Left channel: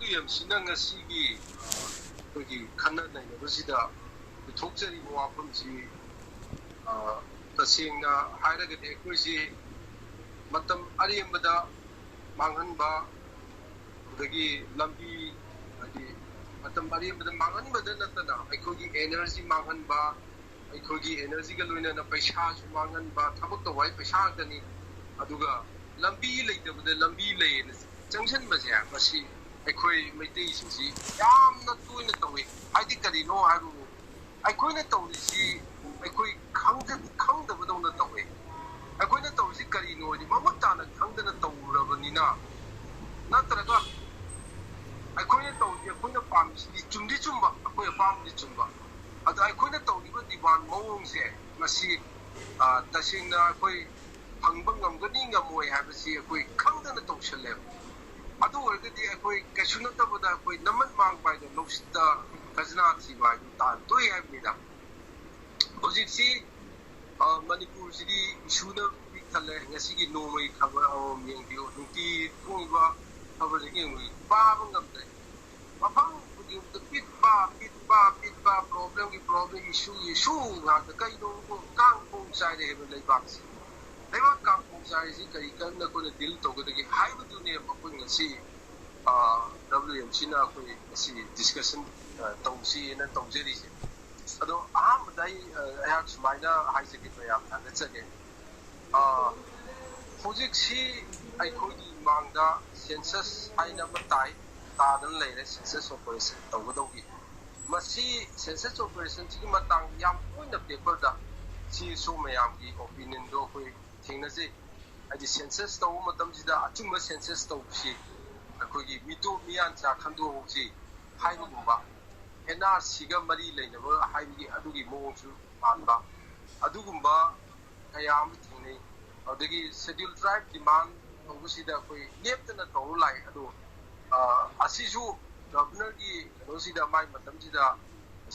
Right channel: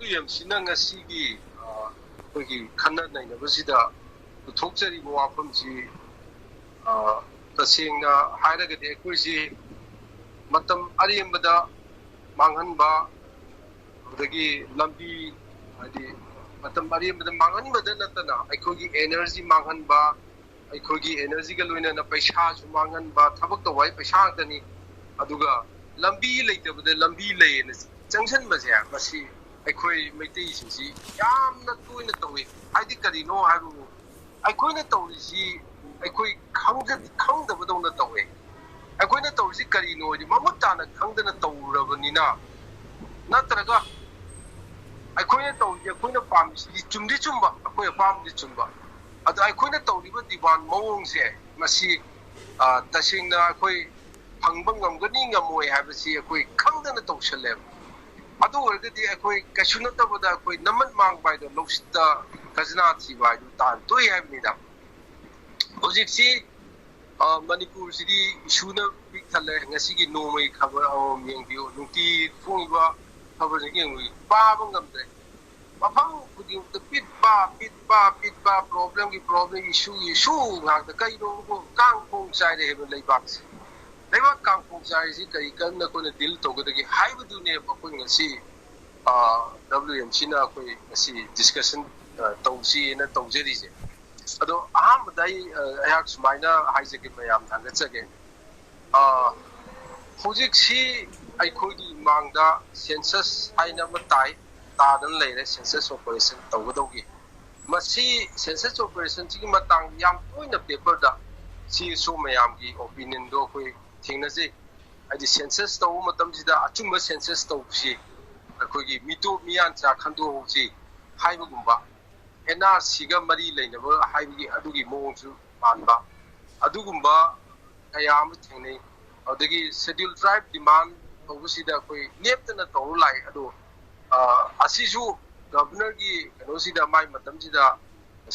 WMCꯅ ꯉꯁꯤꯒꯤ ꯑꯩꯈꯣꯏꯒꯤ ꯈꯟꯅ ꯅꯩꯅꯕꯁꯤꯗ ꯄꯨꯊꯣꯛꯆꯔꯤꯕ ꯋꯥꯐꯝꯁꯤ ꯇꯁꯦꯡꯅ ꯍꯥꯏꯔꯒꯗꯤ ꯑꯩꯈꯣꯏꯁꯤ ꯃꯇꯝ ꯑꯔꯦꯝꯕꯗ ꯃꯥꯡꯍꯟꯕ ꯑꯗꯒꯤ ꯂꯝꯕꯤ ꯍꯥꯏꯗꯤ ꯃꯇꯝ ꯑꯔꯦꯝꯕꯗ ꯃꯥꯡꯍꯟꯕꯗ ꯅꯠꯇꯅ ꯑꯩꯈꯣꯏꯒꯤ ꯑꯦꯅꯔꯖꯤ ꯃꯥꯡꯍꯟꯕ ꯑꯩꯈꯣꯏꯒꯤ ꯑꯦꯅꯔꯖꯤꯒ ꯂꯣꯏꯅꯅ ꯄꯩꯁꯥꯁꯨ ꯃꯥꯡꯍꯟꯕ ꯊꯕꯛ ꯇꯧꯕ ꯍꯥꯏ ꯄꯩꯁꯥ ꯉꯥꯛꯇꯅꯤ ꯑꯗꯨꯒ ꯂꯝꯕꯤ ꯂꯩꯇꯕꯗ ꯂꯝꯕꯤ ꯂꯩꯌꯦꯅ ꯆꯪꯁꯤꯟꯕꯁꯦ ꯃꯁꯤ ꯑꯩꯈꯣꯏ ꯃꯩꯇꯩꯁꯤꯡꯁꯤ ꯌꯥꯝꯅ ꯇꯣꯏꯅ ꯇꯧꯏ ꯍꯥꯏꯗꯤ ꯀꯔꯤꯅꯣ ꯍꯥꯏꯕꯕꯨ ꯑꯩꯈꯣꯏꯅ ꯇꯧꯔꯤꯁꯤ ꯑꯩꯈꯣꯏ ꯈꯪꯗꯕꯗꯧꯅ ꯇꯧꯋꯦ ꯑꯩꯈꯣꯏꯅ ꯇꯧꯔꯤꯁꯤ ꯀꯔꯤꯅꯣ ꯍꯥꯏꯗꯤ ꯃꯃꯨꯠ ꯇꯥꯅ ꯈꯪꯗꯅ ꯇꯧꯔꯕꯅꯤꯅ ꯅꯠꯇ꯭ꯔꯒ ꯑꯩꯈꯣꯏꯅ ꯇꯧꯔꯤꯁꯤ ꯑꯩꯈꯣꯏꯅ ꯄꯥꯝꯃꯤꯁꯤꯗꯤ ꯆꯨꯝꯗꯤ ꯆꯨꯝꯕ ꯑꯩꯈꯣꯏ ꯑꯄꯥꯝꯕꯗꯤ ꯆꯨꯝꯕ ꯑꯗꯣ ꯑꯩꯈꯣꯏꯅ ꯇꯧꯔꯤꯕ ꯗꯤꯃꯥꯟ ꯃꯑꯣꯡꯁꯦ ꯃꯁꯤ ꯇꯁꯦꯡꯅ ꯑꯩꯈꯣꯏ ꯐꯪꯕ ꯉꯝꯒꯅꯤ ꯉꯝꯃꯣꯏ ꯍꯥꯏꯕꯁꯤ ꯑꯩꯈꯣꯏ ꯈꯪꯗꯅ ꯇꯧꯁꯜꯂꯦꯕ ꯑꯗꯨ ꯑꯣꯏꯔꯒꯗꯤ ꯑꯩꯈꯣꯏ ꯀꯩꯁꯨ ꯅꯠꯇꯕꯗ ꯑꯩꯈꯣꯏ ꯅꯝꯃꯠ ꯃꯥꯡꯕ ꯍꯥꯏꯗꯣ ꯂꯧꯁꯤꯠꯇ ꯈꯖꯅꯥ ꯊꯤꯕ ꯍꯥꯏꯗꯨ ꯇꯣꯛꯏ ꯍꯥꯏꯕꯅꯤꯗ ꯍꯧꯖꯤꯛꯁꯤ ꯃꯅꯤꯄꯨꯔꯁꯤꯗꯤ ꯏꯁꯨꯅ ꯄꯤꯛ ꯊꯜꯂꯦ ꯉꯁꯤꯒꯤ ꯅꯣꯡꯃꯒꯤ ꯈꯕꯔ ꯑꯃꯃꯝ ꯌꯦꯡꯕꯤꯌꯨ ꯅꯨꯡꯇꯤ ꯊꯣꯛꯏꯕ ꯈꯕꯔꯁꯤꯡ ꯌꯦꯡꯕꯤꯌꯨ ꯄꯥꯕ ꯉꯝꯗ꯭ꯔꯦ ꯃꯐꯝ ꯈꯨꯗꯤꯡꯃꯛꯇ ꯄꯤꯠꯄ ꯄ꯭ꯔꯣꯕ꯭ꯂꯦꯝꯒꯤ ꯄ꯭ꯔꯣꯕ꯭ꯂꯦꯝ ꯏꯁꯨ ꯉꯥꯛꯇ ꯀꯩꯅꯣ ꯀꯥꯡꯈꯣꯡ ꯆꯥꯏꯔꯦ ꯍꯥꯏꯕ ꯂꯩꯕꯥꯛꯁꯦ ꯂꯩꯕꯥꯛ ꯀꯥꯡꯈꯣꯡ ꯆꯥꯏꯔꯤꯁꯤ ꯀꯔꯤ ꯀꯔꯝꯅ ꯑꯩꯈꯣꯏꯅ ꯗꯤꯜ ꯇꯧꯒꯗꯒꯦ ꯍꯥꯏꯕꯗꯨꯅꯦꯕ ꯑꯩꯈꯣꯏ ꯉꯁꯤ WMCꯅ ꯑꯩꯈꯣই ꯉꯁꯤ ꯗꯤꯁꯀꯁꯟ ꯇꯧꯁꯤꯅ ꯇꯧꯖꯔꯤꯁꯦ ꯑꯗꯣ ꯑꯍꯥꯟꯕꯗ ꯑꯩꯍꯥꯛ ꯁꯨꯃꯥꯏꯅ ꯍꯥꯏꯖꯒꯦ ꯃꯌꯥꯝ ꯊꯥꯒꯠꯆꯒꯦ ꯍꯧꯖꯤꯛꯁꯤ ꯑꯩꯈꯣꯏꯒꯤ ꯏꯃꯥꯡꯗ ꯁꯦꯟꯁꯁ ꯍꯥꯏꯅ ꯑꯃ ꯇꯥꯗꯅ ꯂꯩꯔꯦ ꯁꯦꯟꯁꯁ ꯑꯣꯄꯔꯦꯁꯟ ꯇꯧꯒꯗꯧꯒꯤ ꯃꯁꯤ ꯁꯦꯟꯁꯁ ꯑꯣꯄꯔꯦꯁꯟꯁꯤꯒꯤ ꯃꯇꯥꯡꯗ ꯌꯥꯝ ꯇꯣꯏꯅ ꯄꯦꯄꯔꯗ CSO ꯃꯌꯥꯝꯒꯤ ꯑꯣꯄꯤꯅꯤꯌꯟꯗꯣ ꯑꯩꯈꯣꯏ ꯊꯦꯡꯅꯖꯩ ꯍꯥꯏꯗꯤ ꯁꯦꯟꯁꯁ ꯇꯧꯕ ꯃꯇꯝꯁꯤꯗ ꯑꯆꯨꯝꯕ ꯁꯦꯟꯁꯁ ꯇꯧꯕꯁꯤ ꯑꯩꯈꯣꯏꯒꯤ ꯃꯤꯇꯣꯞ ꯃꯤꯌꯥꯟꯆꯥ ꯈꯟꯗꯣꯛꯍꯧꯁꯤ ꯍꯥꯏꯕꯒꯨꯝꯕ NRCꯒ ꯃꯔꯤ ꯂꯩꯅꯕ ꯍꯥꯏꯕꯒꯤ ꯑꯗꯨꯒꯤ ꯃꯑꯣꯡꯁꯨ ꯃꯥꯟꯕ ꯑꯗꯨꯒꯨꯝꯕ ꯀꯌꯥ ꯑꯃ ꯊꯦꯡꯅꯩ ꯑꯗꯒꯤ ꯁꯦꯗ꯭ꯌꯨꯜ ꯇ꯭ꯔꯥꯏꯕ ꯗꯤꯃꯥꯟ ꯇꯧꯕꯁꯤꯗ ꯑꯩꯈꯣꯏ ꯂꯦꯞꯇꯅ ꯇꯧꯔ ꯂꯥꯛꯏ ꯑꯗꯣ ꯑꯁꯤꯁꯨ ꯒꯚꯔꯅꯔꯒꯤ ꯀꯩꯅꯣꯁꯤꯗ ꯃꯥꯏ ꯃꯇꯝꯁꯤꯗ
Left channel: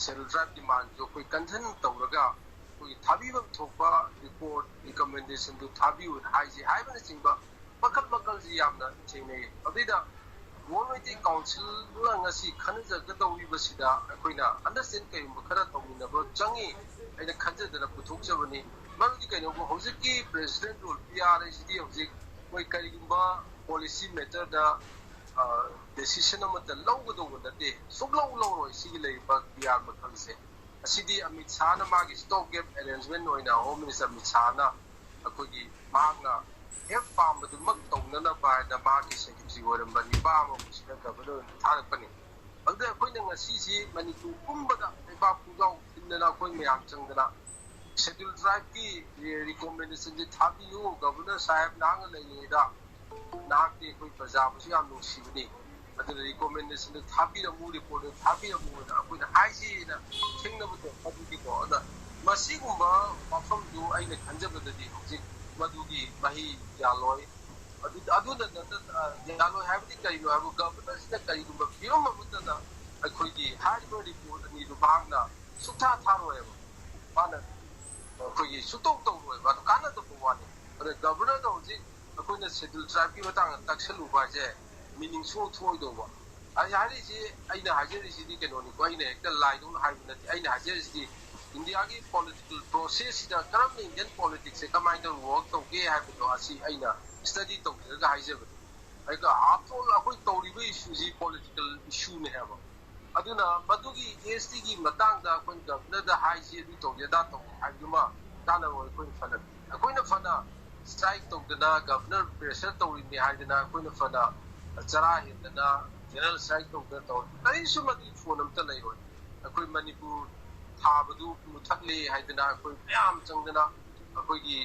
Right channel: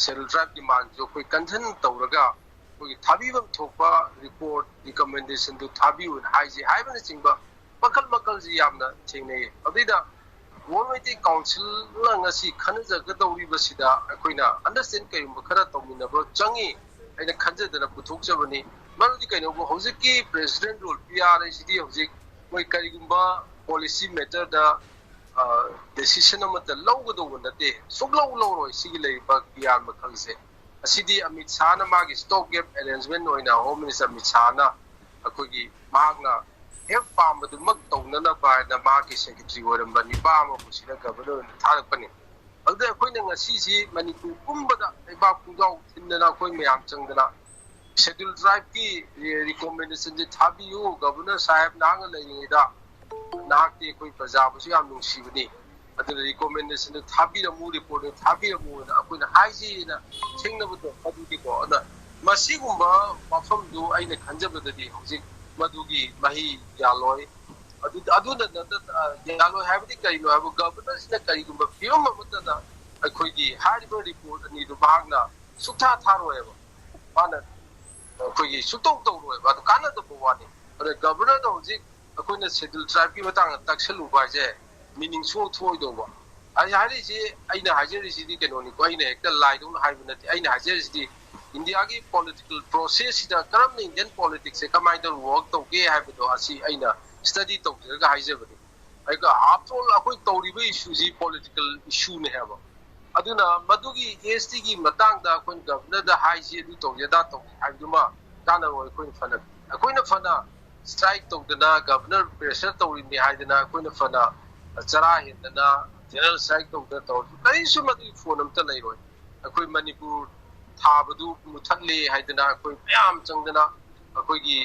ꯁꯦꯗ꯭ꯌꯨꯜ ꯇ꯭ꯔꯥꯏꯕ ꯗꯤꯃꯥꯟꯁꯨ ꯑꯩꯈꯣꯏ ꯀꯟꯁꯔꯟ ꯇꯧꯔꯒ ꯑꯩꯈꯣꯏꯒꯤ ꯊꯥꯕꯤꯐꯝ ꯊꯣꯛꯄ ꯔꯤꯄꯣꯔꯠ ꯔꯤꯀꯃꯦꯟꯗꯦꯁꯟꯗꯨ ꯊꯥꯕꯤꯌꯨꯅ ꯍꯥꯏꯕꯅꯆꯤꯡꯕ ꯃꯈꯜꯁꯤ ꯌꯥꯝꯅ ꯊꯦꯡꯅꯩ ꯑꯗꯨꯏꯗ ꯋꯥꯔꯜ ꯃꯩꯇꯩ ꯀꯥꯎꯟꯁꯤꯜꯅ ꯉꯁꯤ ꯈꯟꯅꯖꯒꯗꯧꯔꯤꯕꯁꯤꯗ ꯑꯩꯈꯣꯏꯅ ꯑꯟꯗꯔꯁꯇꯦꯟ ꯀꯔꯤꯒꯨꯝꯕ ꯈꯔ ꯇꯧꯃꯤꯟꯅꯕ ꯆꯪꯉꯤ ꯑꯩꯅ ꯈꯟꯖꯗꯅ ꯄꯨꯊꯣꯛꯆꯕꯅꯤ ꯃꯔꯝꯗꯤ ꯀꯩꯅꯣꯕꯨ ꯍꯧꯖꯤꯛꯀꯤ ꯄ꯭ꯔꯦꯁꯤꯗꯦꯟ ꯔꯨꯜ PR ꯍꯥꯏꯁꯤꯗꯤ ꯍꯧꯖꯤꯛ ꯃꯣꯏ ꯀꯔꯤꯒꯨꯝꯕ ꯄꯣꯂꯤꯁꯤ ꯃꯦꯇꯔꯗ ꯗꯦꯁꯤꯁꯟ ꯑꯃꯠꯇ ꯂꯧꯒꯗꯧꯕ ꯅꯠꯇꯦ ꯁꯨꯡꯂꯧ ꯂꯧꯔꯣꯏ ꯁꯤꯒꯤ ꯂꯩꯔꯤꯕ PR ꯃꯈꯜꯁꯦ ꯑꯁꯤꯗꯤ ꯑꯃꯤꯠ ꯁꯥꯍꯅ ꯃꯥꯒꯤ ꯁ꯭ꯇꯣꯞ ꯒꯦꯞ ꯑꯦꯔꯦꯟꯖꯃꯦꯟ ꯑꯣꯏꯅ ꯍꯣꯝ ꯃꯤꯅꯤꯁꯇꯔ ꯑꯃꯤꯠ ꯁꯥꯍꯅ ꯑꯩꯈꯣꯏꯒꯤ ꯃꯍꯥꯛꯅ ꯍꯦꯛ ꯄꯥꯝꯕꯗꯨꯃꯛ ꯇꯧꯅꯅꯕ ꯍꯥꯏꯅ ꯃꯍꯥꯛꯀꯤ ꯁꯦꯀ꯭ꯔꯦꯇꯔꯤ ꯑꯣꯏꯔꯝꯕ ꯅꯤꯄꯥ ꯑꯃ ꯄꯨꯁꯤꯜꯂ ꯒꯚꯔꯅꯔ ꯑꯣꯏꯅ ꯊꯥꯔꯛꯄꯅꯤ ꯑꯗꯨꯗ ꯑꯩꯈꯣꯏꯅ ꯉꯁꯤꯁꯤ ꯃꯅꯤꯄꯨꯔ ꯄꯨꯝꯕꯗ ꯂꯩꯕꯥꯛ ꯄꯨꯡꯖꯥꯎ ꯊꯤꯟꯗꯅ ꯑꯩꯈꯣꯏ ꯃꯌꯥꯝ ꯆꯪꯗꯅ ꯁꯦꯗ꯭ꯌꯨꯜ ꯇ꯭ꯔꯥꯏꯕꯀꯤ ꯔꯤꯀꯣꯃꯦꯟꯗꯦꯁꯟꯁꯦ ꯊꯥꯕꯤꯌꯨ ꯒꯚꯔꯅꯔ ꯁꯥꯍꯦꯕ ꯅꯍꯥꯛꯅ ꯂꯩꯔꯤꯉꯩꯗ ꯅꯍꯥꯛꯇꯤ ꯑꯩꯈꯣꯏ ꯄ꯭ꯔꯖꯥꯕꯨꯁꯨ ꯌꯥꯝ ꯅꯨꯡꯁꯤꯕꯅꯤ ꯑꯗꯨꯅ ꯔꯤꯀꯣꯃꯦꯟꯗꯦꯁꯟꯗꯨ ꯊꯥꯕꯤꯔꯝꯃꯨ ꯔꯤꯄꯣꯔꯠꯇꯨ ꯊꯥꯕꯤꯔꯝꯃꯨꯅ ꯑꯩꯈꯣꯏꯅ ꯍꯥꯏꯁꯤꯅ ꯊꯦꯡꯅꯕꯗꯣ ꯑꯗꯨꯗꯤꯀꯣ ꯑꯗ ꯃꯁꯤꯒꯨꯝꯕ ꯋꯥꯐꯝꯗꯨ ꯑꯩꯅ ꯈꯟꯖꯕꯗꯗꯤ ꯍꯧꯖꯤꯛ ꯃꯗꯨꯒꯤ ꯃꯍꯩ ꯌꯥꯜꯂꯣꯏ ꯑꯗꯨꯅ ꯌꯥꯜꯂꯣꯏ ꯍꯥꯏꯕꯗꯤ ꯀꯔꯤꯅꯣ ꯍꯥꯏꯕ ꯒꯚꯔꯅꯔꯁꯤꯅ ꯀꯔꯤꯒꯨꯝꯕ ꯐꯤꯕꯝ ꯑꯃꯠꯇꯅ ꯑꯩꯈꯣꯏꯒꯤ ꯍꯥꯏꯔꯤꯕ ꯔꯤꯄꯣꯔꯠ ꯑꯅꯤꯗꯨ ꯃꯍꯥꯛꯅ ꯁꯨꯛꯊꯥ ꯊꯥꯔꯣꯏꯕ ꯃꯥꯅ ꯑꯩꯈꯣꯏꯒꯤ ꯁꯨꯛꯇꯧ ꯇꯧꯔꯣꯏꯕ ꯑꯗꯨ ꯀꯥꯟꯅꯗꯕ ꯋꯥꯅꯤ ꯑꯗ ꯒꯚꯔꯅꯔꯗ ꯍꯧꯖꯤꯛ ꯑꯩꯈꯣꯏꯅ ꯁꯦꯗ꯭ꯌꯨꯜ ꯇ꯭ꯔꯥꯏꯕꯀꯤ ꯃꯇꯥꯡꯗ ꯇꯛꯁꯜꯂꯨꯕ ꯍꯥꯏꯁꯦ ꯃꯤꯅꯤꯡ ꯊꯣꯛꯑꯣꯏꯗꯧꯕ ꯍꯥꯏꯔꯤꯁꯤ ꯑꯩꯅ ꯍꯥꯏꯖꯔꯤꯁꯤꯗꯤ ꯀꯩꯅꯣꯅꯤꯀꯣ ꯑꯩꯅ ꯍꯦꯛꯇ ꯂꯥꯏꯗꯧꯅ ꯍꯥꯏꯕ ꯅꯠꯇꯦ ꯑꯩꯅ ꯍꯥꯏꯖꯔꯤꯁꯤꯗꯤ ꯏꯟꯗꯤꯌꯥꯒꯤ ꯄꯣꯂꯤꯇꯤꯀꯦꯜ ꯄ꯭ꯔꯣꯁꯦꯁꯁꯤꯗ ꯀꯔꯝꯅ ꯏꯟꯗꯤꯌꯟ ꯄꯣꯂꯤꯇꯤꯛꯁꯁꯦ ꯀꯃꯥꯏꯅ ꯇꯧꯅ ꯋꯥꯔꯛ ꯇꯧꯒꯦ ꯍꯥꯏꯕꯗꯣ ꯑꯁꯤ ꯑꯩꯅ ꯁ꯭ꯇꯗꯤ ꯇꯧꯖꯔꯒ ꯍꯥꯏꯖꯕꯅꯤ ꯑꯥꯐꯇꯔ ꯑꯣꯜ ꯑꯩꯈꯣꯏ ꯇꯧꯔꯤꯕ ꯏꯁꯨꯁꯤ ꯄꯣꯂꯤꯇꯤꯀꯦꯜ ꯏꯁꯨꯅꯦ ꯍꯥꯏꯕ ꯑꯗꯨꯅ ꯃꯗꯨꯒꯤ STꯒꯤ ꯃꯇꯥꯡꯗ ꯑꯩꯈꯣꯏꯅ ꯒꯚꯔꯅꯔꯗ ꯍꯥꯏꯁꯤ ꯑꯗꯨ ꯇꯧꯁꯤ ꯑꯗꯥ ꯇꯧꯁꯤ ꯍꯥꯏꯕꯗꯨꯃ ꯀꯥꯟꯅꯔꯣꯏ ꯑꯩꯈꯣꯏꯅ ꯐꯅ ꯁ꯭ꯇ꯭ꯔꯥꯏꯛ ꯇꯧꯗꯅ ꯒꯚꯔꯅꯔ ꯄ꯭ꯔꯦꯁꯔ ꯇꯧꯔꯤꯅꯤ ꯍꯥꯏꯗꯅ ꯑꯩꯈꯣꯏꯅ ꯐꯅ ꯆꯔꯥ ꯍꯦꯟꯗꯅ ꯖꯦꯅꯔꯦꯜ ꯁ꯭ꯇ꯭ꯔꯥꯏꯛ ꯇꯧꯗꯅ ꯇꯧꯔꯁꯨ ꯀꯔꯤꯁꯨ ꯃꯗꯨꯒꯤ ꯐꯣꯟ ꯑꯝꯇ ꯂꯩꯔꯣꯏ ꯑꯩꯈꯣꯏ ꯃꯅꯤꯄꯨꯔ ꯊꯥꯕꯗꯨ ꯃꯨꯊꯠꯂꯦ ꯍꯥꯏꯗꯅ ꯑꯩꯈꯣꯏ ꯃꯌꯥꯝ ꯆꯪꯗꯅ ꯑꯩꯈꯣꯏꯒꯤ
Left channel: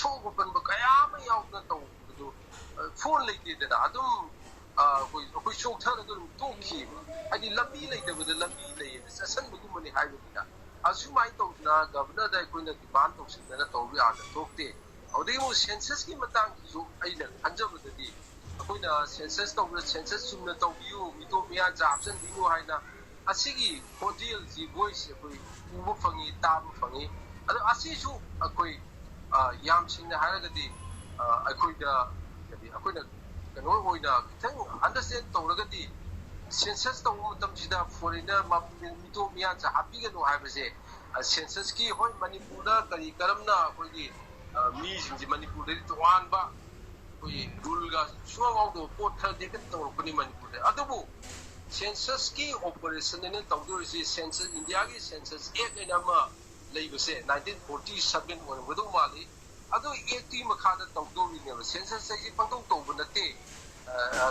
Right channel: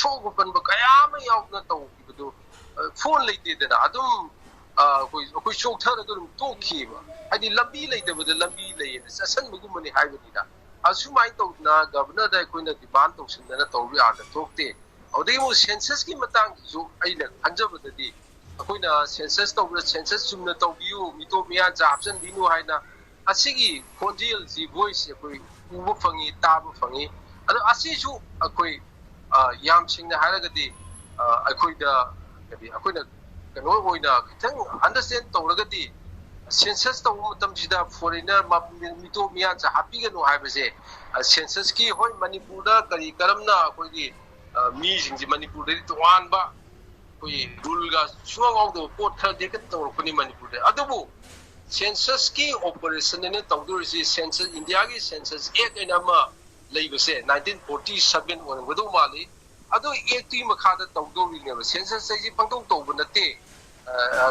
ꯁꯣꯛꯄ ꯄꯟꯕ ꯀꯌꯥ ꯑꯃ ꯌꯥꯎꯗꯅ ꯇꯧꯈꯤꯕꯗꯨ ꯐꯣꯟ ꯂꯩꯇꯦꯗꯅ ꯑꯗꯨꯝ ꯑꯩꯈꯣꯏ ꯆꯣꯛꯊꯔꯒ ꯑꯗꯨꯝ ꯇꯣꯛꯈꯤꯕ ꯍꯥꯏꯗꯤ ꯂꯝꯕꯤ ꯂꯩꯇꯕꯗ ꯂꯝꯕꯤ ꯂꯩꯌꯦꯅ ꯆꯠꯁꯟꯕꯒꯨꯝꯕꯅꯤ ꯍꯥꯏꯕꯅꯤꯅ ꯑꯁꯨꯃꯥꯏꯅ ꯇꯧꯗꯅ ꯒꯚꯔꯅꯔꯗ ꯑꯩꯈꯣꯏꯅ ꯗꯤꯃꯥꯟ ꯇꯧꯁꯤꯟꯗꯅ ꯇꯧꯕ ꯌꯥꯗ ꯊꯣꯛꯇꯦ ꯑꯗꯨꯗꯒꯤ ꯑꯃꯨꯛ ꯁꯦꯟꯁꯁꯀꯤ ꯃꯇꯥꯡꯁꯤꯁꯨ ꯑꯩꯅ ꯈꯟꯖꯕꯗꯗꯤ ꯑꯩꯈꯣꯏꯅ ꯁꯦꯟꯁꯁ ꯇꯧꯕꯗ ꯁꯦꯟꯁꯁ ꯆꯨꯝꯅ ꯇꯧꯕꯤꯌꯨ ꯃꯤꯇꯣꯞ ꯃꯤꯌꯥꯟꯆꯥ ꯍꯥꯞꯆꯤꯟꯕꯤꯌꯨ ꯍꯥꯏꯅ ꯑꯁꯤꯒꯤ ꯈꯣꯟꯖꯦꯜꯁꯤ ꯚꯣꯏꯁꯁꯤ ꯑꯩꯈꯣꯏ ꯎꯕ ꯐꯪꯉꯤ ꯇꯥꯕ ꯐꯪꯉꯤ ꯑꯗꯣ ꯑꯁꯤꯁꯨ ꯑꯩꯈꯣꯏ ꯌꯥꯝ ꯁꯦꯡꯅ ꯍꯥꯏꯔꯒꯗꯤ ꯑꯩꯈꯣꯏꯗ ꯑꯩꯈꯣꯏꯅ kano oina khitang understand tawragadi census tawba matamsida foreigner mito miya cha hapigano haibase census ki hoi manipurda kari karamna akogi mi jingji manipurda toanba koi rulga suawdo pot thadi ka tawrpani manipurda adubu census ki operation ne tawdurisi census india ki census ek enama leibase 1947 wadu mali ado ekti makhada tawdori ne census sai pangtong tawba nate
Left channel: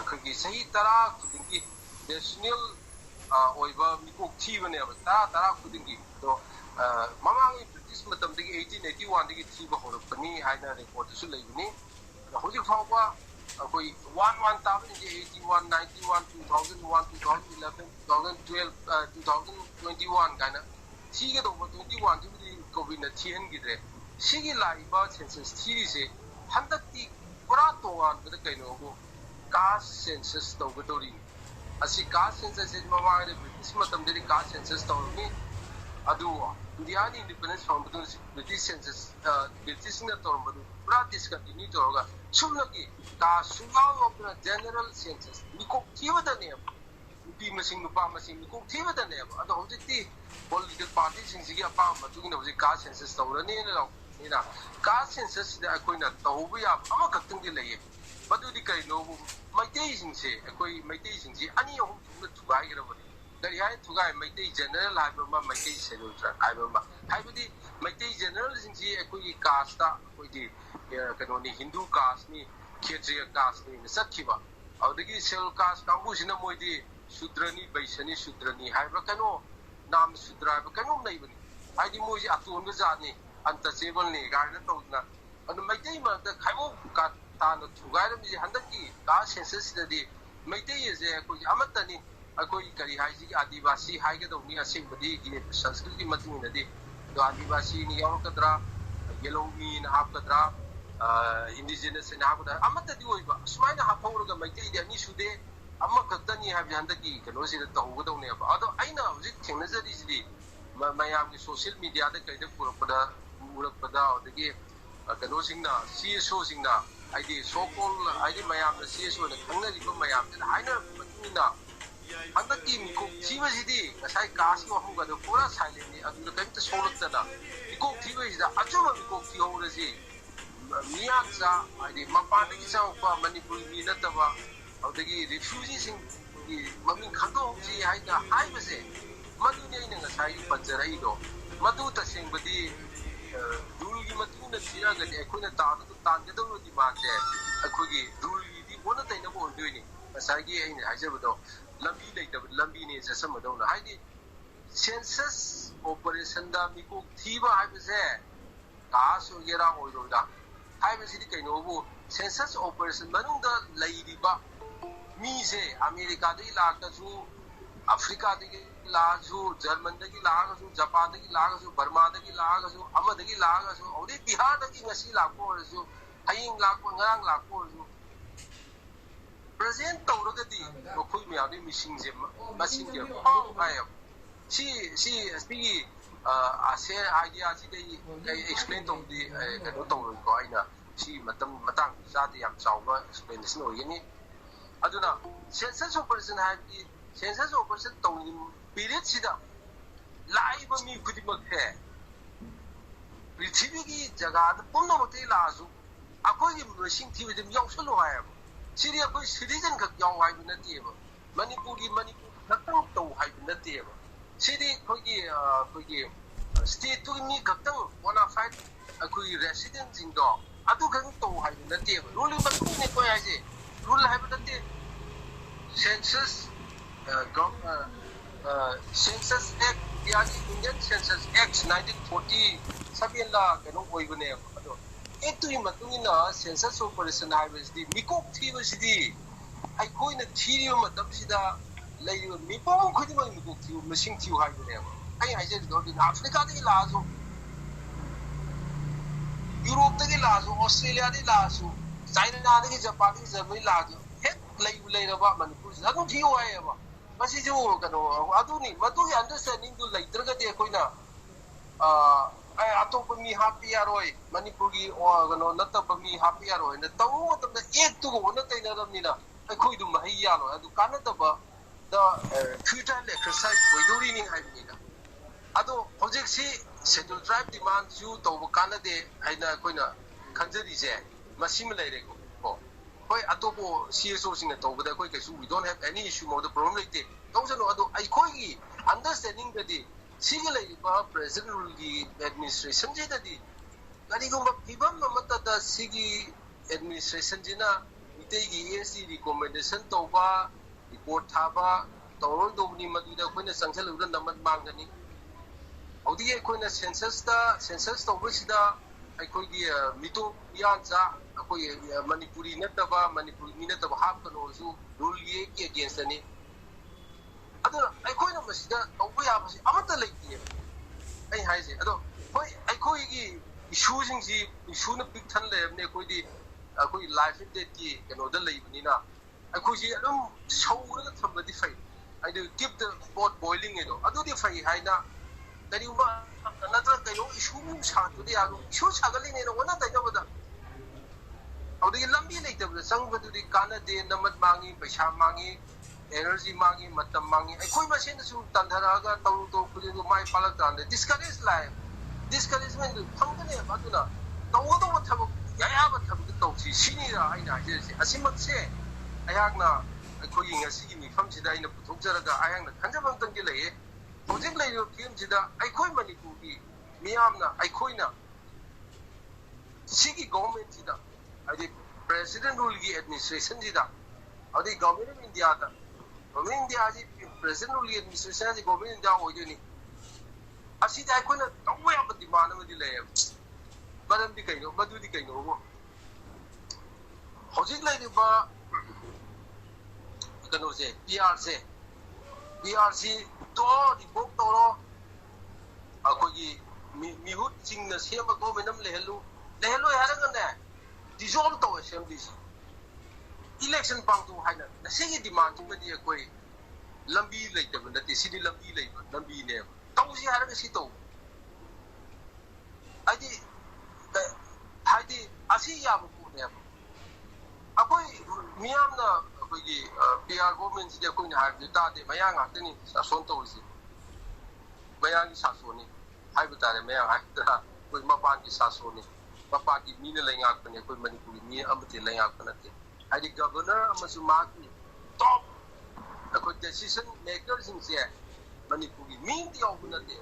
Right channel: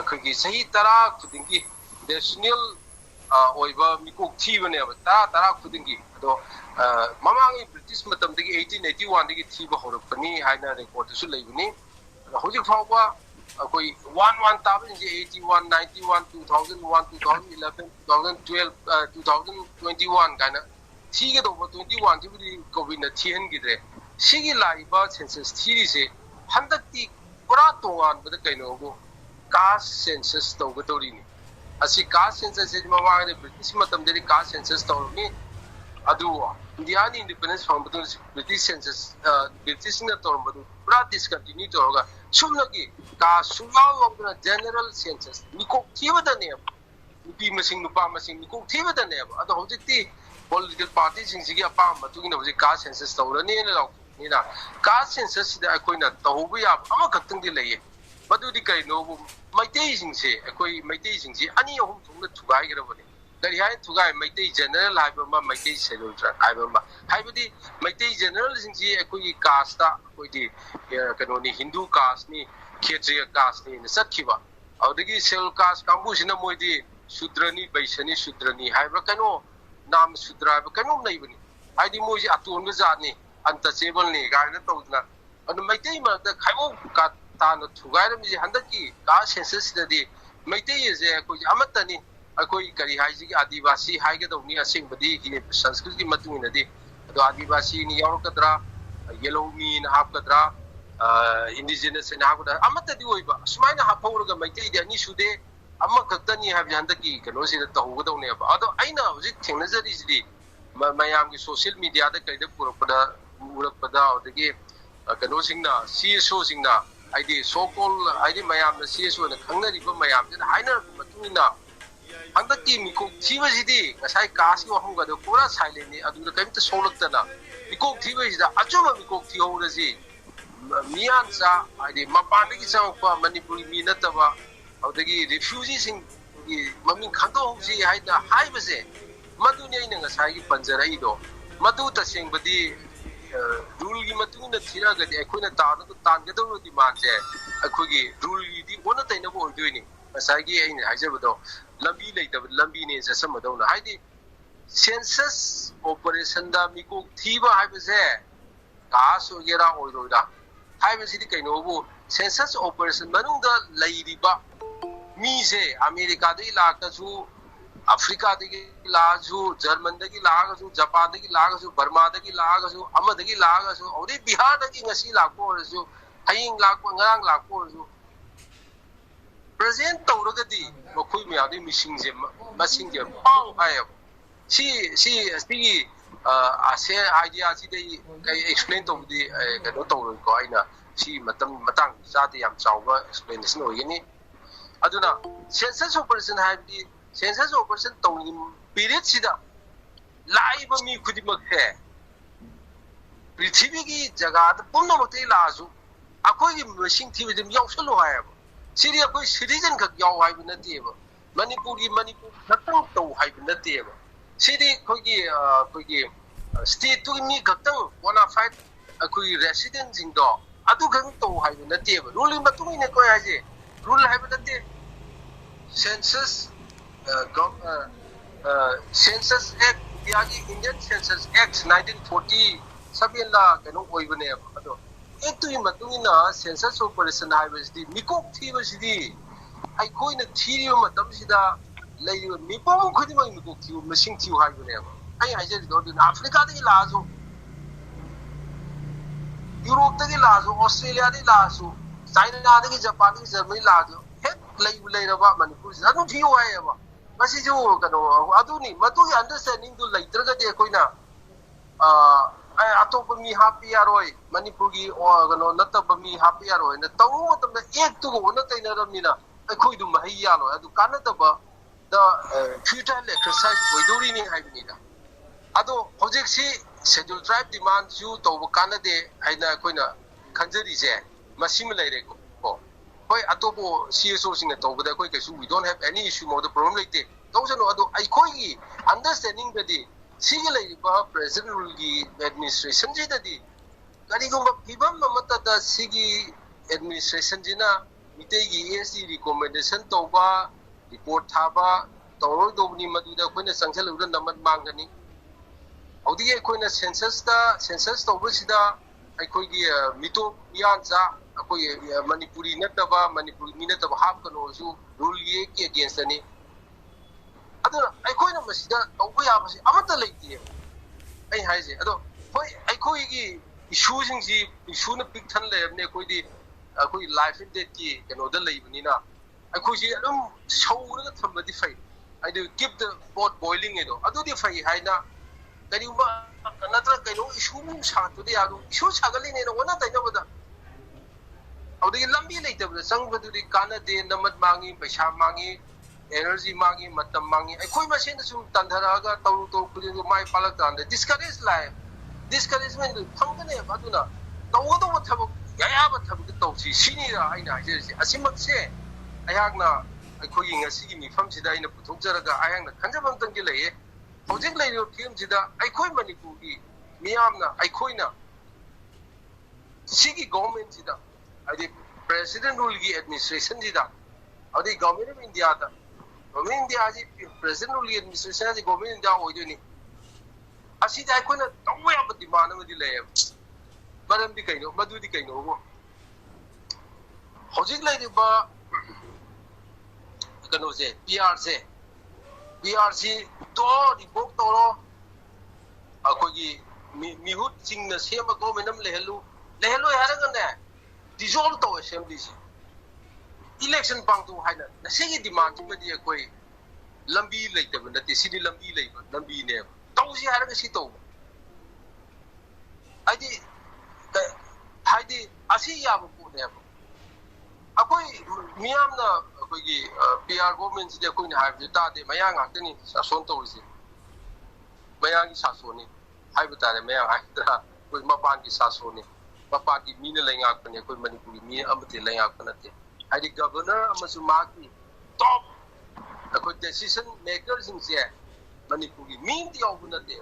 khagi sahi tara khudingi national oiba mikok thibane tara khudingi ado mamangi british matam dagi 1881 dagi thiba horapani haina record su leibani hojik fawba koi 11 tabin je 81 91 2001 2011 2012 2021 kana thiga do 21 jibudi covid na thien gidre sigi laiba census thiri se handakti pura tongan bada kaino go caste census tawgadori ni asi caste census je mama ne british matam de caste census tawni adu india ni independence from british census british na tawbadu pura discontinue toga sumlagi ka sumaw of general census niko thibada ne nupi masing nupa masing niko thibada ne adu hojikti political parties singsi apa matugina hoji caste census tawrani ne law nina caste census da akoina tawbu ya ama khatang di leye madudi kai no maitei singse akoi maitei singsi ani ahum thungna thugai gerabani dari hai thugai maitei general haiba ma maitei seludra haiba ma haibadi maitei general singsi akoi caste da koi di kanoni hindu caste ni kshatriya caste ni sakhiba audagi sel caste kambu sina moidi sudrani baisani sudrani haiba kano nam sudra ba kano nei bani haidi moji atun ga jani untouchable ni gaina tawna anu maitei ma da khaibo ka tana thugai mi handaki ka census dadi maitei je koi amatani akoi kari haiji ki adivasi haiga dawni asing badi ki sanskrit ki matungina di do adivasi ni yaukadra yellow mean hapkadra indigenous na hapkadra amatadi oiba sumaina hapawrga maitei di ani sude amma kaktani habi handaki kano sida tawga dawne ba ado aina hojik thengnajari sidi mayam ki social media da kaida purapada odagi kano singna CSO singna aidi so called aidi mayam na CSO na khangnari ba mayam da haina matungina handaki miko thiba sidi kasai kasi wahum ga do pura silent ni adu da kaimta solaktana miko thiba sida ajuma miko thihorasi miyan sa aidi mapandagi sangpa manipuri mi nataba audagi refugees sing mamin khando si haida haibase maduni ina ngasai panjara ido madu taseng badi rule gi matuna thira ga de khoina tan ga do di ma je akhogi rule gi di ona taina bo ondoini ngasai gi aina haijabado lambi leitab lambi ne sa samadona haidi census operation da miko thiba haibase gas ogera oiroida haibase di kaino bo census operation manungda leiriba mi se america de ilakasu africa de ilakasu german de ilakasu japan de ilakasu burma de ilakasu ama de ilakasu ori bihar de ngasi lakko su haying lakko ngarang lakko su present tawragadi mokoi mi adi missing je masing je pau hai si ase idea si de explain to di kano tawro ko aina si matang jati yam chawba explanation oyini aduna census operation habi census operation tawni period sida laiba mi khudimak he prithvi gi jaga da pumna makte laaju akoi gi machine thibi dim yausalo hai siri akoi citizen khak yaw hai binati ba manipur khatang taw hai binati ba siri khoi gi state tu mi khatang bona fight akoi resident jing do adu khang taw hai binati ba rule matu ne koi hai je rule hai binati census census act yagi indian census act 1940 la kano oibane ado ektu matungina census operation haibasdi mikok thibasdi ai koina thiriyo matam sida leiyo mipom khudima mikok thiu machine thiu haibane ai haije do africa de lazo europe de lazo australia de lazo china de japan de germany lazo hek leiraba manipur adu thiu ayaba masi jo kano adu ni matu understanding du leitraga de koina ꯑꯇꯣꯞꯄ ꯃꯤ ꯍꯥꯞꯄ ꯌꯥꯔꯣꯏ ꯃꯅꯤꯄꯨꯔꯒꯤ ꯀꯩꯅꯣ ꯅꯠꯇꯕ ꯃꯤ ꯍꯥꯞꯄ ꯌꯥꯔꯣꯏꯅ ꯇꯧꯕ ꯃꯇꯝꯗ ꯑꯦꯛꯇꯨꯒ ꯑꯣꯟꯅ ꯇꯩꯅꯔꯕꯅꯤꯅ ꯑꯩꯈꯣꯏꯗꯨ ꯃꯍꯩ ꯌꯥꯜꯂꯣꯏ ꯑꯗꯨ ꯀꯥꯟꯅꯗꯕ ꯐ꯭ꯌꯨꯇꯥꯏꯜ ꯑꯦꯛꯁꯔꯁꯥꯏꯁ ꯑꯣꯏꯗꯧꯔꯤꯅꯤ ꯍꯥꯏꯕꯅꯤꯗ ꯑꯗꯣ ꯍꯧꯖꯤꯛꯁꯤ ꯁꯦꯗꯨꯜ ꯇ꯭ꯔꯥꯏꯕ ꯗꯤꯃꯥꯟꯁꯨ ꯇꯧꯕ ꯀꯥꯟꯅꯗꯦ ꯍꯥꯏꯅ ꯑꯩꯈꯣꯏꯅ ꯈꯟꯖꯔꯤꯁꯦ ꯃꯁꯤꯃ ꯂꯩꯔꯦꯀꯣ ꯍꯣꯏ ꯑꯇꯣꯞꯄ CSOꯁꯤꯡꯅ ꯇꯧꯕꯗ ꯑꯩꯈꯣꯏ ꯀꯩꯁꯨ we don't have any issue mode problem ꯂꯩꯇꯦ ꯇꯧꯁꯅꯨ ꯑꯗꯣ ꯑꯩꯈꯣꯏꯒꯤ ꯑꯟꯗꯔꯁꯇꯦꯟꯗꯤꯡꯗꯗꯤ ꯁꯤꯒꯤ ꯂꯩꯔꯤꯕ ꯄ꯭ꯔꯦꯖꯦꯟꯠ ꯔꯨꯜꯒꯤ ꯑꯦꯗꯃꯤꯅꯤꯁꯇ꯭ꯔꯦꯁꯟꯁꯤꯗꯗꯤ ꯀꯔꯤꯒꯨꯝꯕ ꯐꯤꯕꯝ ꯑꯃꯠꯇꯗ ꯁꯤꯒꯤ ꯑꯦꯗꯃꯤꯅꯤꯁꯇ꯭ꯔꯦꯁꯟꯁꯤꯅ ꯃꯤꯇꯩꯒꯤ ESG ꯔꯤꯀꯣꯃꯦꯟꯗꯦꯁꯟ ꯇꯧꯕ ꯔꯤꯄꯣꯔꯠ ꯊꯥꯕ ꯇꯧꯔꯣꯏꯗꯧꯕꯅꯤ ꯃꯗꯨꯗ ꯑꯩꯈꯣꯏꯅ ꯆꯪꯁꯤꯜꯂꯨꯕꯗ ꯅꯃꯠ ꯃꯥꯡꯒꯅꯤ ꯍꯧꯖꯤꯛ ꯑꯩꯈꯣꯏꯅ ꯁꯦꯟꯁꯁ ꯇꯧꯕꯁꯤꯗ ꯑꯩꯈꯣꯏꯒꯤ ꯃꯤꯇꯣꯞ ꯃꯤꯌꯥꯟꯆꯥ ꯑꯩꯈꯣꯏ ꯃꯅꯤꯄꯨꯔꯤ ꯅꯠꯇꯕ ꯃꯅꯤꯄꯨꯔꯤ ꯃꯤ ꯅꯠꯇꯕ ꯍꯥꯞꯀꯅꯣꯁꯨ ꯔꯨꯜꯒꯤ ꯑꯦꯒꯦꯟꯁꯇꯅꯤ ꯑꯗꯨꯅ ꯑꯩꯈꯣꯏꯅ ꯃꯁꯤꯗ ꯇꯧꯕ ꯌꯥꯕꯁꯤ ꯑꯃꯠꯇ ꯂꯩꯇꯦ ꯑꯩ ꯍꯥꯏꯁꯦ ꯑꯗꯣ ꯍꯣꯏ ꯑꯩꯈꯣꯏꯒꯤ ꯏꯁꯨꯅ ꯄꯤꯛ ꯊꯟ ꯂꯩꯔꯕꯅꯤ ꯑꯩꯈꯣꯏ ꯂꯥꯏꯐ ꯑꯦꯟ ꯗꯦꯠꯀꯤ ꯀꯩꯅꯣꯗ ꯂꯩꯕꯅꯤꯅ ꯑꯩꯈꯣꯏꯁꯤ ꯑꯗꯨꯝ ꯁꯧꯔꯒ ꯊꯝꯕꯗꯤ ꯐꯩ ꯍꯥꯏꯗꯤ ꯀꯤꯞ ꯗ ꯄꯣꯠ ꯕꯣꯏꯂꯤꯡ ꯑꯗꯣ ꯑꯗꯨꯗꯤ ꯐꯩ ꯍꯥꯏꯅ ꯀꯔꯤꯒꯨꯝꯕ ꯅꯠꯇ꯭ꯔꯒ ꯀꯩꯅꯣ ꯏꯁꯨ ꯁꯥꯒꯠꯄꯗꯤ ꯌꯥꯔꯣꯏ ꯏꯁꯨ ꯁꯥꯒꯠꯂꯤꯅꯦꯅ ꯑꯣꯟꯅ ꯇꯩꯅꯕꯗ ꯑꯗꯨꯗꯒꯤ ꯂꯝꯕꯤ ꯂꯩꯇꯕꯗ ꯆꯪꯕꯗꯨꯗꯤ ꯀꯥꯟꯅꯗꯦ ꯅꯃꯠ ꯃꯥꯡꯉꯤ ꯄꯩꯁꯥ ꯃꯥꯡꯉꯤ 에너지 망이 맞담 망이 ꯑꯩꯈꯣꯏ ꯃꯁꯦꯟꯗ ꯁꯨꯝ ꯇꯟꯊꯔꯛꯑꯒ ꯇꯧꯔꯨ ꯈꯨꯗꯤꯡꯗꯣ ꯃꯥꯏ ꯄꯥꯜꯂꯛꯀꯥꯟꯗ ꯗꯤꯁꯀꯔꯦꯖ ꯂꯥꯛꯑꯦ ꯗꯤꯁꯀꯔꯦꯖꯃꯦꯟꯗꯨ ꯐꯪꯒꯅꯦꯕ ꯑꯗꯨꯅ ꯇꯧꯒꯗꯧꯕ ꯊꯕꯛ ꯑꯌꯥꯕ ꯊꯕꯛꯇꯨ ꯇꯧꯁꯤ ꯁꯤꯅꯤꯗ ꯑꯩꯅ ꯍꯥꯏꯖꯔꯤꯁꯦ ꯑꯁꯤꯃꯛꯁꯦ ꯑꯩꯍꯥꯛꯅ ꯑꯩꯈꯣꯏꯒꯤ ꯉꯁꯤꯒꯤ ꯃꯤꯐꯝꯁꯤꯗ ꯑꯩꯅ ꯄꯨꯊꯣꯛꯆꯔꯒ ꯑꯩꯍꯥꯛꯅ ꯈꯟꯖꯕ ꯑꯃꯇꯪꯗꯤ ꯂꯩꯌꯦ ꯍꯧꯖꯤꯛ ꯂꯩꯔꯤꯕ ꯐꯤꯕꯝꯁꯤꯗ ꯑꯩꯈꯣꯏ ꯃꯅꯤꯄꯨꯔꯒꯤ ꯃꯤꯌꯥꯝꯅ ꯑꯩꯈꯣꯏꯅ ꯁꯤꯒꯤ ꯒꯣꯚꯔꯟꯃꯦꯟꯠꯁꯤꯗ ꯍꯥꯏꯗꯤ ꯄ꯭ꯔꯦꯁꯤꯗꯦꯟꯠ ꯔꯨꯜꯒꯤ ꯑꯦꯗꯃꯤꯅꯤꯁꯇ꯭ꯔꯦꯁꯟꯁꯤꯗ ꯑꯗꯩ ꯒꯚꯔꯟꯃꯦꯟꯠ ꯑꯣꯐ ꯏꯟꯗꯤꯌꯥꯗ ꯒꯚꯔꯟꯃꯦꯟꯠ ꯏꯟꯗꯤꯌꯥꯁꯤ ꯄ꯭ꯔꯦꯁꯤꯗꯦꯟꯠ ꯔꯨꯜꯒꯤ ꯑꯦꯗꯃꯤꯅꯤꯁꯇ꯭ꯔꯦꯁꯟ ꯒꯚꯔꯟꯃꯦꯟꯠ ꯏꯟꯗꯤꯌꯥ ꯑꯣꯏꯗꯣꯏꯅꯤ ꯑꯁꯤꯗ ꯑꯩꯈꯣꯏꯅ ꯇꯧꯕ ꯌꯥꯕ ꯗꯤꯃꯥꯟ ꯑꯃꯗꯤ ꯂꯩꯌꯦꯕ ꯃꯔꯝꯗꯤ ꯀꯩꯅꯣ ꯃꯗꯨꯗꯤ ꯀꯩꯅꯣꯕꯨ ꯍꯧꯖꯤꯛ ꯂꯩꯔꯤꯕ ꯀꯩꯅꯣꯁꯦ PR ꯁꯤ ꯔꯤꯚꯣꯛ ꯇꯧꯔꯣ ꯑꯩꯈꯣꯏꯒꯤ ꯃꯤꯍꯨꯠꯁꯤꯡꯅ ꯁꯦꯝꯕ ꯒꯣꯚꯔꯟꯃꯦꯟꯠ ꯑꯃ ꯂꯩꯍꯜꯂꯣꯏ ꯍꯥꯏꯔꯒꯅꯦ ꯗꯤꯖꯣꯜቭ ꯇꯧ ꯑꯦꯁꯦꯝꯕ꯭ꯂꯤꯁꯤ इलेक्शन पांगतो हाइना नसीगी डिमांड सिमदि अखोई लंबी लेतब नते सिदि लंबी लेब लंबी ने तौसी हारगा सि तौ हाइदि असि याब पुने अखोई मियामना अखोई PR गवर्नमेंट सिदि अखोई हाइबि तादे मया गाक्तनि सासन तौसी मया की सासोनी हाइबि तारे मया हाइदा कोई मपान की सासोनी मपा की मीने लेंगाकने कोई मणिपुरी मी अमते लेंगाकनते हाइदि गवर्नर अमसु माकी टॉप अखोई डिसीजन मेकर्स सिंसे मणिपुरी मी दियाव नते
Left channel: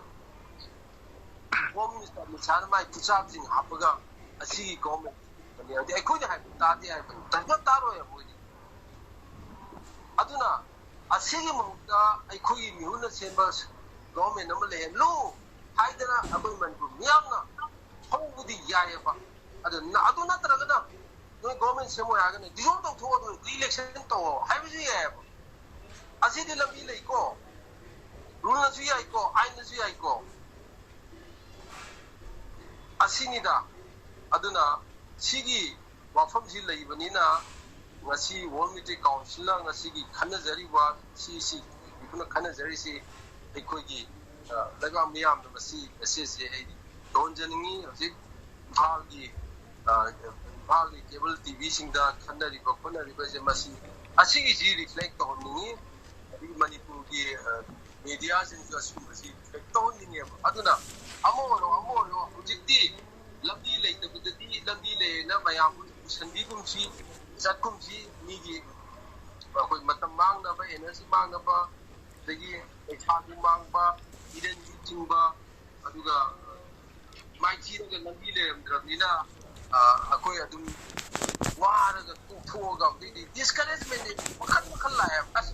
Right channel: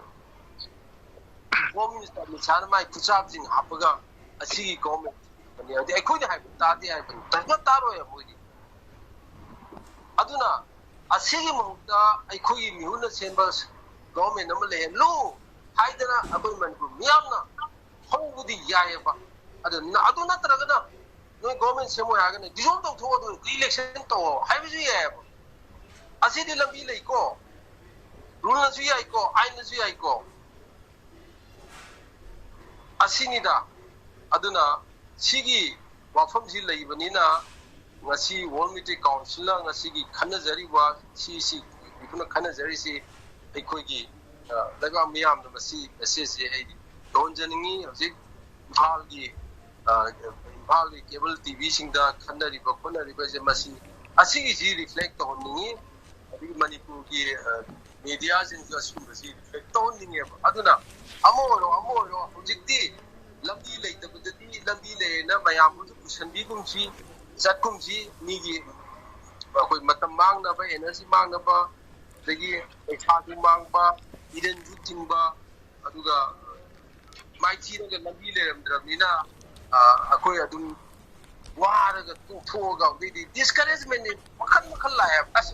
होम मिनिस्टर मिसार माई कुचाबजिंग हापगा असि गवर्नमेंट अनि अदि अखोइ हाइबि तादे हाइबि तगन तारो या मोदि अदुना असिगी मुक्ता अखोइ मिहुन सेंबा गवर्नमेंट अम ले लो हाइदना अखोइ मणिपुर मियामना होबुदि यायबा अदु नत्रगना नो गवर्नमेंट सेमो हागने डिजोल्व तो थोदो इलेक्शन तो हाइबि यायबा असिदि लंबी लेको रूल नसु याइको आइन नसु याइको असिनिदा अदुना सिगी वाफमसि लेइबनिना ngasi World Meteorological Council la ngasi gi khanajari wa si ikuna khanajari ꯑꯩꯈꯣꯏꯒꯤ ꯂꯩꯕꯥꯛ ꯃꯤꯌꯥꯝꯅ ꯃꯁꯤ ꯃꯦꯁꯦꯖꯁꯦ ꯑꯩ ꯂꯣꯟꯖꯅꯤꯡꯉꯤ ꯍꯧꯖꯤꯛ ꯏꯝꯐꯥꯜꯒꯤ ꯀꯦꯕꯜ ꯇꯤꯚꯤꯁꯤꯡꯗ ꯈꯟꯅꯔꯤꯕ ꯈꯣꯠꯅꯔꯤꯕꯁꯦ ꯃꯁꯤ ꯑꯁꯤꯒꯤꯁꯤ ꯔꯤꯐ꯭ꯂꯦꯛ ꯇꯧꯍꯟꯅꯤꯡꯉꯤ ꯑꯗꯒꯤ ꯃꯅꯤꯄꯨꯔꯒꯤ ꯃꯦꯗꯤꯌꯥꯁꯤꯡꯁꯨ ꯑꯁꯤꯒꯨꯝꯕꯁꯤ ꯔꯤꯐ꯭ꯂꯦꯛ ꯇꯧꯍꯟꯅꯤꯡꯉꯦꯕ ꯑꯗꯨꯅ ꯑꯃ ꯑꯣꯏꯔꯣ ꯍꯧꯖꯤꯛꯇꯤ ꯂꯝꯕꯤ ꯂꯩꯇꯕꯗꯗꯤ ꯂꯝꯕꯤ ꯂꯩꯔꯦꯅ ꯃꯌꯥꯝ ꯄꯨꯁꯟꯕꯤꯒꯨꯝꯁꯤ ꯆꯠꯀꯨꯝꯁꯤ ꯃꯤꯒꯤ ꯑꯩꯈꯣꯏ ꯃꯇꯝ ꯃꯥꯡꯅꯕ 에너지 ꯃꯥꯡꯅꯕ ꯑꯗꯒꯤ ꯄꯩꯁꯥꯁꯨ ꯃꯥꯡꯕ ꯏꯔꯟꯁꯨ ꯆꯤꯡꯕ ꯑꯗꯨꯒ ꯃꯥꯏꯊꯤꯔꯒ ꯂꯝꯕꯤ ꯂꯩꯔꯝꯗ꯭ꯔꯕꯅꯤꯅ ꯑꯩꯈꯣꯏ ꯑꯗꯨꯝ ꯋꯥꯔꯒ ꯇꯣꯛꯊꯣꯛꯑꯒ ꯑꯗꯩꯗꯤ ꯗꯤꯁꯀꯔꯦꯖꯃꯦꯟ ꯃꯈꯜ ꯂꯥꯛꯑꯦꯕ ꯑꯁ